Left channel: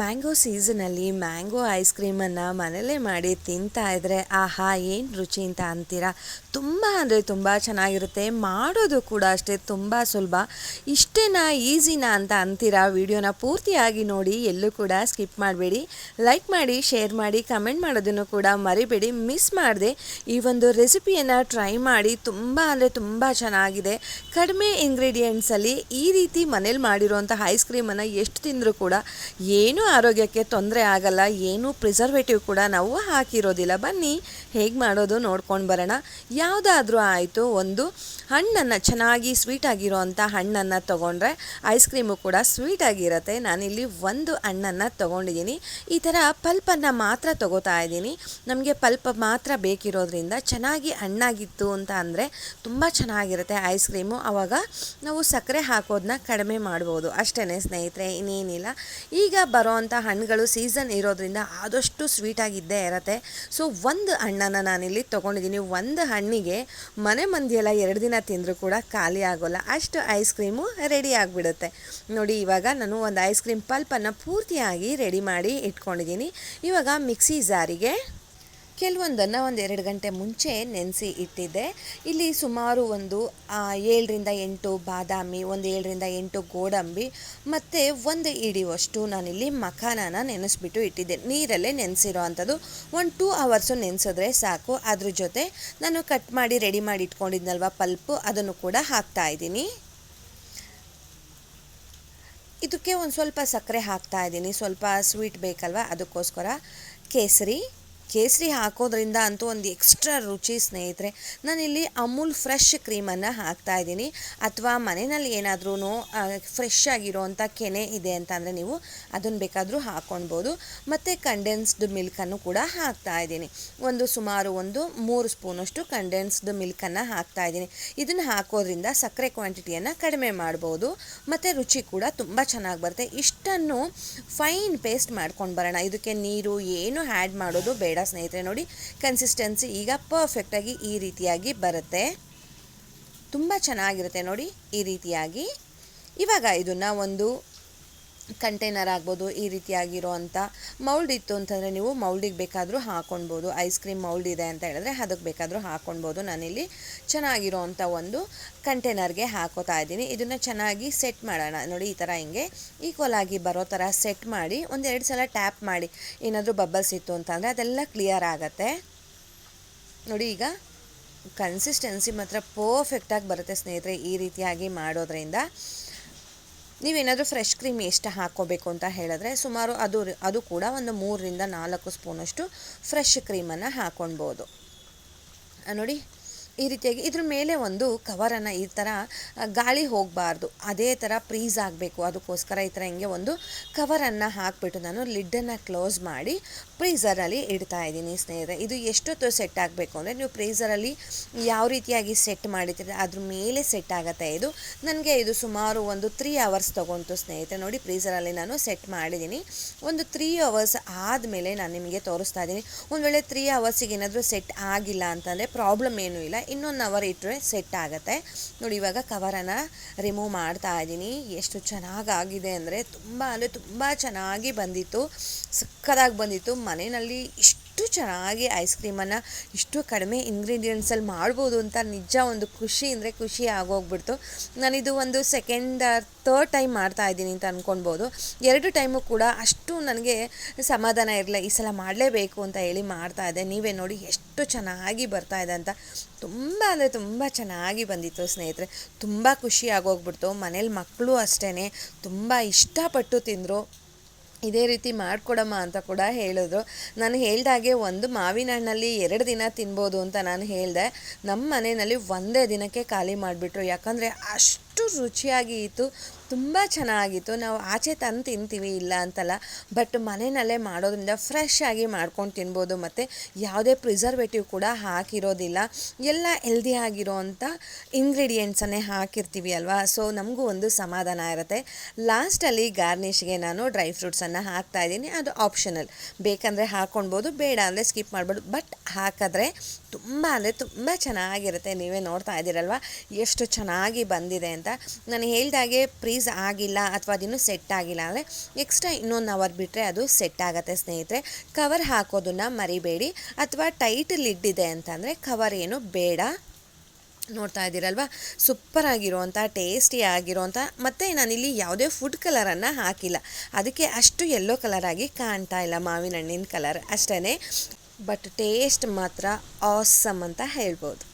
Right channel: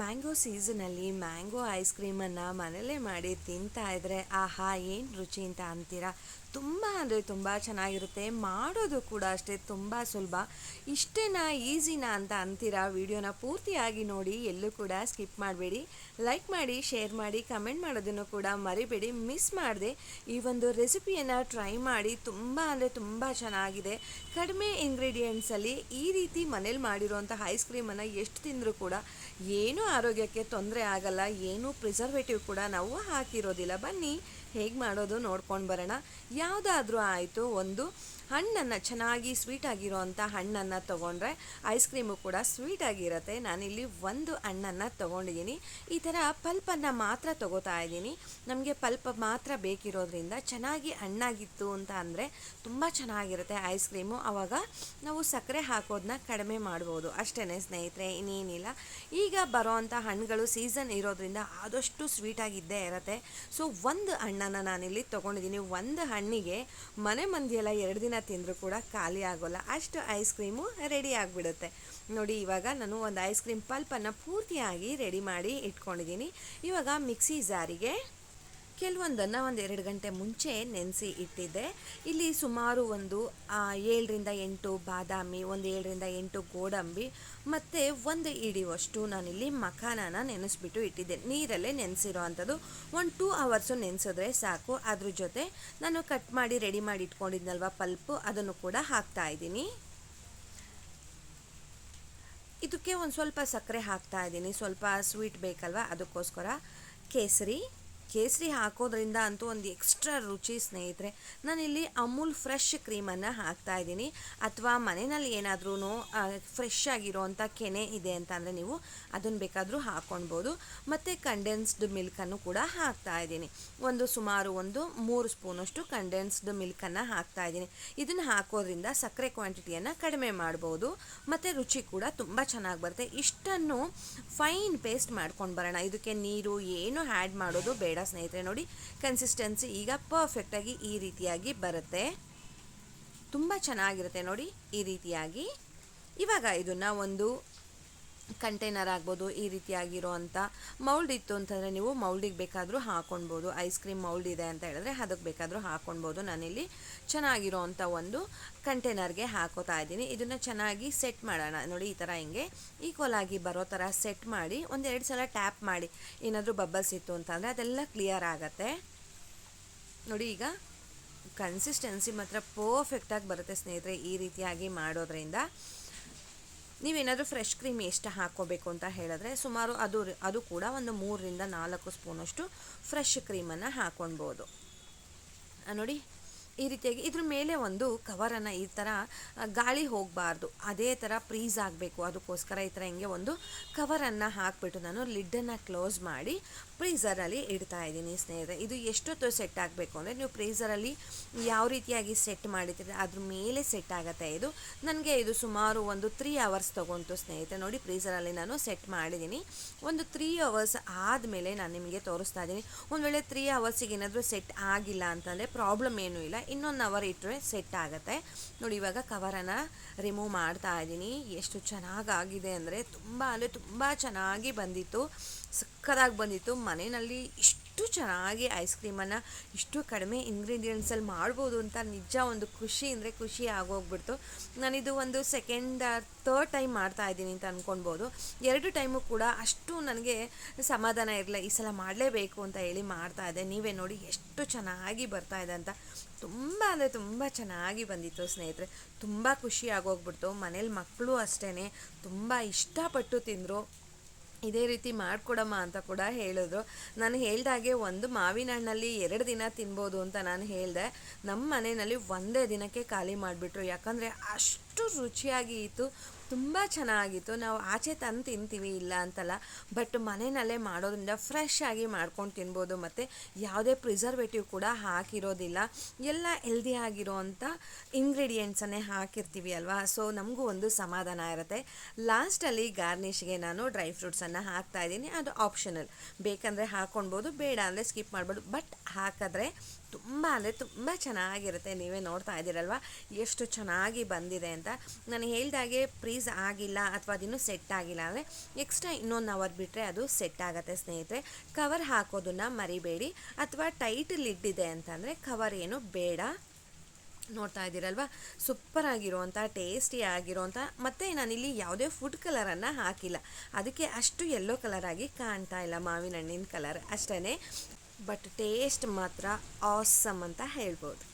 Mango ಸೀಸನಲ್ಲಿ mango ice ಕ್ರೀಮನ್ನು ಮನೆಯಲ್ಲೇ ಮಾಡಿ ತಿಂತಾ ಇದ್ರೆ, ಆಹಾ, ಏನು ರುಚಿ ಅಂತ ಅಂತೀರಾ? ತುಂಬ ಅಂದರೆ ತುಂಬ ಚೆನ್ನಾಗಿರುತ್ತೆ. ಮಾಡೋದು ಕೂಡ ಅಷ್ಟೇ ತುಂಬ ಸುಲಭ. ಇಷ್ಟೇನಾ ಈಸಿನಾ ಅಂತ ಅಂತೀರಾ? ವಿಡಿಯೋನ ಪೂರ್ತಿಯಾಗಿ ನೋಡಿ, ಎಲ್ಲೂ ಕೂಡ ಸ್ಕಿಪ್ ಮಾಡಬೇಡಿ. ಲೈಕ್ ಮಾಡಿ, ಶೇರ್ ಮಾಡಿ, ಕಮೆಂಟ್ ಮಾಡೋದನ್ನು ಕೂಡ ಮರಿಬೇಡಿ. ಮಿಸ್ ಮಾಡದೆ ಈ ಒಂದು ರೆಸಿಪಿಯನ್ನು ಟ್ರೈ ಮಾಡಿ, ತುಂಬ ಅಂದರೆ ತುಂಬ ಚೆನ್ನಾಗಿದೆ. ಕಡಿಮೆ ಇಂಗ್ರೀಡಿಯೆಂಟ್ಸಲ್ಲಿ ಈ ರೀತಿ ಮನೇಲಿ ಮಾಡಿರುವಂಥ ಐಸ್ ಕ್ರೀಮನ್ನು ಎಷ್ಟು ತಿಂದರೂ ಕೂಡ ಏನೂ ಆರೋಗ್ಯಕ್ಕೆ ತೊಂದರೆ ಆಗಲ್ಲ, ಏನೂ ಪ್ರಿಸರ್ವೇಟಿವ್ ಕೂಡ ನಾವು ಹಾಕಿರೋದಿಲ್ಲ. ಬನ್ನಿ, ಹೇಗೆ ಮಾಡೋದು ನೋಡ್ಕೊಂಡು ಬರೋಣ. ಯಾವುದಾದ್ರೂ ಆಯಿತು, ಒಂದು ಹಣ್ಣನ್ನು ಚೆನ್ನಾಗಿ ಸ್ವೀಟ್ ಆಗಿರೋವಂಥ ಹಣ್ಣನ್ನು ತೊಗೊಂಡ್ರೆ ಐಸ್ ಕ್ರೀಮು ಕೂಡ ಸ್ವೀಟ್ ಆಗಿರುತ್ತೆ. ನಾನಿಲ್ಲಿ ಒಂದು ಹಣ್ಣನ್ನು ತೊಗೊಂಡಿದ್ದೀನಿ. ಈ ಥರ ಪಲ್ಪನ್ನು ಮಾತ್ರ ತೊಗೋತಾ ಇದ್ದೀನಿ. ನಮಗೆ ಪಲ್ಪ್ ಮಾತ್ರ ಬೇಕಿರೋದ್ರಿಂದ ಚೆನ್ನಾಗಿ ಹಣ್ಣಾಗಿತ್ತು ಅಂತ ಅಂದರೆ ತುಂಬ ಚೆನ್ನಾಗಿರುತ್ತೆ ಐಸ್ ಕ್ರೀಮು ಆವಾಗ ನಾವು ಸಕ್ಕರೆ ಹಾಕೋದನ್ನ ಕಡಿಮೆ ಮಾಡ್ಬೋದು. ಅಷ್ಟೇ ಸ್ನೇಹಿತರೆ, ಇನ್ನೇನಿಲ್ಲ. ಈಗ ಬರೋವಂಥ ಹಣ್ಣುಗಳು ಸೀಸನ್ ಇರೋದ್ರಿಂದ ಆದಷ್ಟು ಸ್ವೀಟಾಗಿದ್ದೇ ಇರತ್ತೆ. ಸೊ ಒಂದು ಹಣ್ಣನ್ನು ನಾನಿಲ್ಲಿ ತೊಗೊಂಡಿದ್ದೀನಿ. ಒಂದು ಹಣ್ಣಿಗೆ ಮನೆ ಮಂದಿಯೆಲ್ಲ ಎರಡು ದಿನ ತಿಂದರೂ ಕೂಡ ಖಾಲಿ ಆಗೋಲ್ಲ. ಅಷ್ಟು ಐಸ್ ಕ್ರೀಮು ರೆಡಿ ಆಗಿಬಿಡುತ್ತೆ. ನೋಡಿ, ಇವಾಗ ನಾನು ಒಂದು ಐಸ್ ಕ್ರೀಮ್ ಪಲ್ಪನ್ನು ಪೂರ್ತಿಯಾಗಿ ರೆಡಿ ಮಾಡಿ ಇಟ್ಕೊಂಡಿದ್ದೀನಿ. ಇವಾಗ ಮಿಕ್ಸಿ ಜಾರಿಗೆ ಕೆಲವೊಂದನ್ನು ಒಂದು ಎರಡು ಗಂಟೆ ಮುಂಚೆ ನೆನೆಸಿ ಇಟ್ಟಿದ್ದೆ. ಇಲ್ಲಿ ಸುಮಾರು ಒಂದು ಏಳರಿಂದ ಎಂಟು ಬಾದಾಮಿ, ಒಂದು ಏಳರಿಂದ ಎಂಟು ಗೋಡಂಬಿ, ಮತ್ತು ಒಂದು ಇಡಿಯುವಷ್ಟು ನಾನಿಲ್ಲಿ ಮಖಾನನ ನೆನೆಸ್ಬಿಟ್ಟು ಇಟ್ಟಿದ್ದೆ. ನೀರಲ್ಲೇ ನೆನೆಸಿರೋ ಅಂಥದ್ದು. ಒಂದು ಟೂ ಅವರ್ಸು ನೆನೆಸಿದ್ರೆ ಸಾಕು. ಅದ್ರ ಜೊತೆ ನಾನು ಕಟ್ ಮಾಡಿ, ರೆಡಿ ಮಾಡಿ ಇಟ್ಕೊಂಡಿದ್ನಲ್ವ ಪಲ್ಪು, ಅದನ್ನು ಕೂಡ ಹಾಕ್ತಾ ಇದ್ದೀನಿ. ಇದಕ್ಕೆ ಒಂದು ಸ್ವಲ್ಪ ಸಕ್ಕರೆ ಹಾಕ್ತಾ ಇದ್ದೀನಿ. ಸ್ವಲ್ಪ ಸ್ವೀಟ್ ಬೇಕಲ್ವ ಅದಕ್ಕೋಸ್ಕರ. ಕೇಸರಿ. ಕೇಸರಿ ಹಾಕೋದ್ರಿಂದ ಅಂತೂ ಒಂದು ಎಕ್ಸ್ಟ್ರಾ ರುಚಿ ಸ್ನೇಹಿತರೆ. ನಾನಿಲ್ಲಿ ಅಮೂಲ್ ಫ್ರೆಶ್ ಕ್ರೀಮನ್ನು ಹಾಕ್ತಾ ಇದ್ದೀನಿ. ಅಥವಾ ಮನೆಯಲ್ಲಿ ಏನಾದ್ರೂ ಫ್ರೆಶ್ ಆಗಿರೋವಂಥ ಕೆನೆ ಇದೆ ಅಂತ ಅಂದರೆ ನೀವು ಅದನ್ನು ಬೇಕಾದರೂ ಹಾಕ್ಕೊಳ್ಬೋದು ಮತ್ತು ಕಂಡೆನ್ಸ್ಡ್ ಮಿಲ್ಕನ್ನು ಕೂಡ ಹಾಕ್ತಾ ಇದ್ದೀನಿ. ಒಂದು ಸುಮಾರು ಒಂದು ಮೂರು ಸ್ಪೂನಷ್ಟು ಕಂಡೆನ್ಸ್ಡ್ ಮಿಲ್ಕನ್ನು ಹಾಕ್ತಾ ಇದ್ದೀನಿ. ಇದನ್ನು ಹಾಕೋದ್ರಿಂದ ಸಕ್ಕರೆ ಕ್ವಾಂಟಿಟಿಯನ್ನು ಕಡಿಮೆ ಮಾಡ್ಬೋದು. ಮತ್ತು ರುಚಿ ಕೂಡ ತುಂಬ ಚೆನ್ನಾಗಿ ಬರುತ್ತೆ. ಇಷ್ಟನ್ನು ಫೈನ್ ಪೇಸ್ಟ್ ಮಾಡ್ಕೊಂಡು ಬರೋಣ. ಇದಕ್ಕೆ ನೀರು ಏನು ಆ್ಯಡ್ ಮಾಡೋದು ಬೇಡ. ಸ್ನೇಹಿತರೆ ನೋಡಿ. ಕನ್ಸಿಸ್ಟೆನ್ಸಿ ಈಗ ಪರ್ಫೆಕ್ಟಾಗಿ ಈ ರೀತಿಯಾಗಿ ಬರುತ್ತೆ. ತುಂಬ ಚೆನ್ನಾಗಿರುತ್ತೆ ನೋಡಿ ಈ ರೀತಿಯಾಗಿ. ಇವಾಗ ಇದನ್ನು ಒಂದು ಕಂಟೈನರ್ ಆಗ್ಬೋದು, ಈ ರೀತಿಯಾಗಿರೋವಂಥ ಮೌಲ್ಡ್ ಇತ್ತು ಅಂತಂದರೆ ನೀವು ಮೌಲ್ಡಿಗೆ ಬೇಕಾದರೂ ಹಾಕ್ಕೊಳ್ಬೋದು ಐಸ್ ಕ್ರೀಮ್ ಮೌಲ್ಡ್ ಇದೆ ಅಂತ ಹೇಳಿದ್ರೆ ಅದಕ್ಕೆ ಬೇಕಾದರೂ ಹಾಕ್ಕೊಳ್ಬೋದು ನಾನಿಲ್ಲಿ ಚೆನ್ನಾಗಿರೋವಂಥ ಒಂದು ಕಂಟೈನರ್ಗೆ ಹಾಕೋತಾ ಇದ್ದೀನಿ. ಇದನ್ನು ಚೆನ್ನಾಗಿ ಸೆಟ್ ಮಾಡೋಣ. ನೋಡಿ, ಈ ಥರ ಹಿಂಗೆ ಈಕ್ವಲ್ ಆಗಿ ಬರೋ ಥರ ಸೆಟ್ ಮಾಡಿ, ಒಂದೆರಡು ಸಲ ಟ್ಯಾಪ್ ಮಾಡಿ, ಏನಾದರೂ ಬಬ್ಬಲ್ಸ್ ಇತ್ತು ಅಂತಂದರೆ ಅದೆಲ್ಲ ಕ್ಲಿಯರ್ ಆಗುತ್ತೆ. ನೋಡಿ, ಈಗ ಕನ್ಸಿಸ್ಟೆನ್ಸಿ ಮಾತ್ರ ಪರ್ಫೆಕ್ಟಾಗಿ ಬರುತ್ತೆ ಸ್ನೇಹಿತರೆ, ಈ ರೀತಿಯಾಗಿ ಮಾಡೋದ್ರಿಂದ. ನೀವೇನಾದರೂ ಫ್ರೆಶ್ ಕ್ರೀಮ್ ಎಷ್ಟು ಹಾಕೋಬೇಕು ಅಂತ ಹೇಳಿದ್ರೆ ಸುಮಾರು ಅದು ಅದು ಕೂಡ ಒಂದು ಮೂರರಿಂದ ನಾಲ್ಕು ಸ್ಪೂನಷ್ಟು ಫ್ರೆಶ್ ಕ್ರೀಮನ್ನು ಹಾಕ್ಕೊಳ್ಬೋದು ನೋಡಿ ಈ ರೀತಿಯಾಗಿ ಇದ್ರ ಮೇಲೆ ಒಂದು ಕವರನ್ನು ಈ ಥರ ಗಾಳಿ ಹೋಗಬಾರ್ದು. ಅದೇ ಥರ ಪ್ರೀಸ್ ಆಗಬೇಕು. ಅದಕ್ಕೋಸ್ಕರ ಈ ಥರ ಹಿಂಗೆ ಒಂದು ಕವರನ್ನು ಹಾಕಿಬಿಟ್ಟು ನಾನು ಲಿಡ್ಡನ್ನು ಕ್ಲೋಸ್ ಮಾಡಿ ಫ್ರೀಝರಲ್ಲಿ ಇಡ್ತಾ ಇದ್ದೀನಿ ಸ್ನೇಹಿತರೆ. ಇದು ಎಷ್ಟೊತ್ತು ಸೆಟ್ ಆಗಬೇಕು ಅಂದರೆ ನೀವು ಫ್ರೀಝರಲ್ಲಿ ಯಾವ ರೀತಿಯಾಗಿ ಸೆಟ್ ಮಾಡಿದ್ರೆ ಅದ್ರ ಮೇಲೆ ಸೆಟ್ ಆಗುತ್ತೆ ಇದು. ನನಗೆ ಇದು ಸುಮಾರು ಒಂದು ತ್ರೀ ಅವರ್ಸ್ ತೊಗೊಂತು ಸ್ನೇಹಿತರೆ. ನೋಡಿ ಪ್ರೀಸರಲ್ಲಿ ನಾನು ಸೆಟ್ ಮಾಡಿದ್ದೀನಿ. ಒಂದು ತ್ರೀ ಅವರ್ಸ್ ಆದಮೇಲೆ ನಾನು ನಿಮಗೆ ತೋರಿಸ್ತಾ ಇದ್ದೀನಿ. ಒಂದು ವೇಳೆ ತ್ರೀ ಅವರ್ಸಿಗೆ ಏನಾದರೂ ಸೆಟ್ ಆಗಿಲ್ಲ ಅಂತಂದರೆ ಪ್ರಾಬ್ಲಮ್ ಏನೂ ಇಲ್ಲ. ಇನ್ನೊಂದು ಅವರ್ ಇಟ್ಟರೆ ಸೆಟ್ ಆಗುತ್ತೆ. ನೋಡಿ, ಇವಾಗ ಕವರನ್ನು ರಿಮೂವ್ ಮಾಡ್ತಾ ಇದ್ದೀನಿ. ಎಷ್ಟು ಚೆನ್ನಾಗಾಗಿದೆ ಅಂದರೆ ತುಂಬ ಅಂದರೆ ತುಂಬ ಚೆನ್ನಾಗಿ ಬಂದಿತ್ತು. ಸಕ್ಕದಾಗಿ ಬಂದಿತ್ತು. ಮನೆಯಲ್ಲಿ ಇಷ್ಟು ಚೆನ್ನಾಗಿ ಐಸ್ ಕ್ರೀಮನ್ನು ಇಷ್ಟು ಕಡಿಮೆ ಇಂಗ್ರೀಡಿಯೆಂಟ್ಸಲ್ಲಿ ಮಾಡ್ಬೋದು ಅಂತ ನಿಜ ಒಂದು ಖುಷಿ ಅಂದರೆ ಖುಷಿ ಆಗೋಗ್ಬಿಡ್ತು. ನಾನಿದು ಒಂದು ಸೆಕೆಂಡ್ ತರ್ಡ್ ಟೈಮ್ ಮಾಡ್ತಾ ಇದ್ದೀನಿ ಅಂತ ಅಂದ್ಕೊಳ್ಬೋದು ಎರಡು ಟೈಮು ಕೂಡ ಅಷ್ಟು ನನಗೆ ಸಮಾಧಾನ ಇರಲಿಲ್ಲ. ಈ ಸಲ ಮಾಡಲೇಬೇಕು ಅಂತ ಹೇಳಿ ಮಾಡ್ತಾ ಇದ್ದೆ. ನೀವೇ ನೋಡಿ ಎಷ್ಟು ಚೆನ್ನಾಗಿ ಬರ್ತಾ ಇದೆ ಅಂತ. ತುಂಬ ಅಂದರೆ ತುಂಬ ಚೆನ್ನಾಗಿ ಬಂದಿತ್ತು ಸ್ನೇಹಿತರೆ. ತುಂಬ ಖುಷಿ ಆಗೋಗ್ಬಿಡ್ತು. ಮನೇಲಿ ಮಕ್ಕಳು ಅಷ್ಟೇ ತುಂಬ ಇಷ್ಟಪಟ್ಟು ತಿಂದರು. ಇದೇ ರೀತಿ ಮಾಡಿಕೊಡಮ್ಮ ಅಂತ ಕೂಡ ಹೇಳಿದ್ರು. ನಾನು ಹೇಳ್ದಾಗೆ ಒಂದು ಮಾವಿನ ಹಣ್ಣಲ್ಲಿ ಎರಡು ದಿನ ತಿನ್ಬೋದು ಅಂತ ನಾನು ಹೇಳಿದೆ. ನಮ್ಮ ಮನೆಯಲ್ಲಿ ಒಂದೇ ದಿನಕ್ಕೆ ಖಾಲಿ ಮಾಡಿಬಿಟ್ರು. ಯಾಕಂದರೆ ಅಷ್ಟು ರುಚಿಯಾಗಿ ಇತ್ತು ತುಂಬ ಚೆನ್ನಾಗಿತ್ತು. ನಾವು ಆಚೆ ತಂದು ತಿಂತೀವಿ, ಇಲ್ಲ ಅಂತಲ್ಲ. ಬಟ್ ಮನೆಯಲ್ಲೇ ಮಾಡೋದ್ರಿಂದ ಫ್ರೆಶ್ ಆಗಿ ಮಾಡ್ಕೊಂಡು ತಿನ್ಬೋದು. ಮತ್ತು ಯಾವುದೇ ಪ್ರಿಸರ್ವೇಟಿವ್ ಕೂಡ ಹಾಕಿರೋದಿಲ್ಲ. ಎಲ್ಲ ಹೆಲ್ದಿ ಆಗಿರೋವಂಥ ಇಂಗ್ರೀಡಿಯೆಂಟ್ಸನ್ನೇ ಹಾಕಿರ್ತೀವಿ ಅಲ್ವಾ? ಸೊ ನಮಗೂ ಒಂದು ಸಮಾಧಾನ ಇರುತ್ತೆ. ಲಾಸ್ಟಲ್ಲಿ ಗಾರ್ನಿಷ್ಗೆ ನಾನು ಡ್ರೈ ಫ್ರೂಟ್ಸನ್ನು ಹಾಕ್ತಾ ಇದ್ದೀನಿ. ಅದು ಆಪ್ಷನಲ್ ಬೇಕಂದರೆ ಹಾಕ್ಕೊಳ್ಬೋದು ಬೇಡ ಅಂದರೆ ಸ್ಕಿಪ್ ಮಾಡ್ಬೋದು. ಬಟ್ ಹಾಕಿದ್ರೆ ತುಂಬ ಅಂದರೆ ತುಂಬ ಚೆನ್ನಾಗಿರುತ್ತೆ. ನೀವೇ ನೋಡ್ತಾ ಇದ್ದೀರಲ್ವ? ಎಷ್ಟು ಚೆನ್ನಾಗಿ ಬಂದಿದೆ ಅಂತ. ಅಂತ. ನಾನು ಹೇಳಿದಾಗೆ ಪ್ರೀಸ್ ಆಗಿಲ್ಲ ಅಥವಾ ಅದಿನ್ನೂ ಸೆಟ್ ಆಗಿಲ್ಲ ಅಂದರೆ ಎಕ್ಸ್ಟ್ರಾ ಇನ್ನೊಂದು ಅವರ್ ಬಿಟ್ಟರೆ ಅದು ಸೆಟ್ ಆಗುತ್ತೆ ಸ್ನೇಹಿತರೆ. ಕವರ್ ಹಾಕೋದನ್ನು ಮರಿಬೇಡಿ ಅಥವಾ ಟೈಟ್ ಲಿಡ್ ಇದೆ ಅಂತಂದರೆ ಕವರ್ ಏನು ಬೇಡ. ನೋಡ್ತಾ ಇದ್ದೀರಲ್ವ? ಸೂಪರ್ ಆಗಿರುವಂಥ ಟೇಸ್ಟಿ ಆಗಿರುವಂಥ ಮತ್ತು ನಾನಿಲ್ಲಿ ಯಾವುದೇ ಫುಡ್ ಕಲರನ್ನು ಹಾಕಿಲ್ಲ. ಅದಕ್ಕೆ ಅಷ್ಟು ಯೆಲ್ಲೋ ಕಲರಾಗಿ ಕಾಣ್ತಾ ಇಲ್ಲ ಮಾವಿನ ಹಣ್ಣಿನ ಕಲರ್ ಅಷ್ಟೇ ಬಟ್ ಟೇಸ್ಟ್ ಮಾತ್ರ ಆಸಮ್ ಅಂತ ಹೇಳ್ಬೋದು.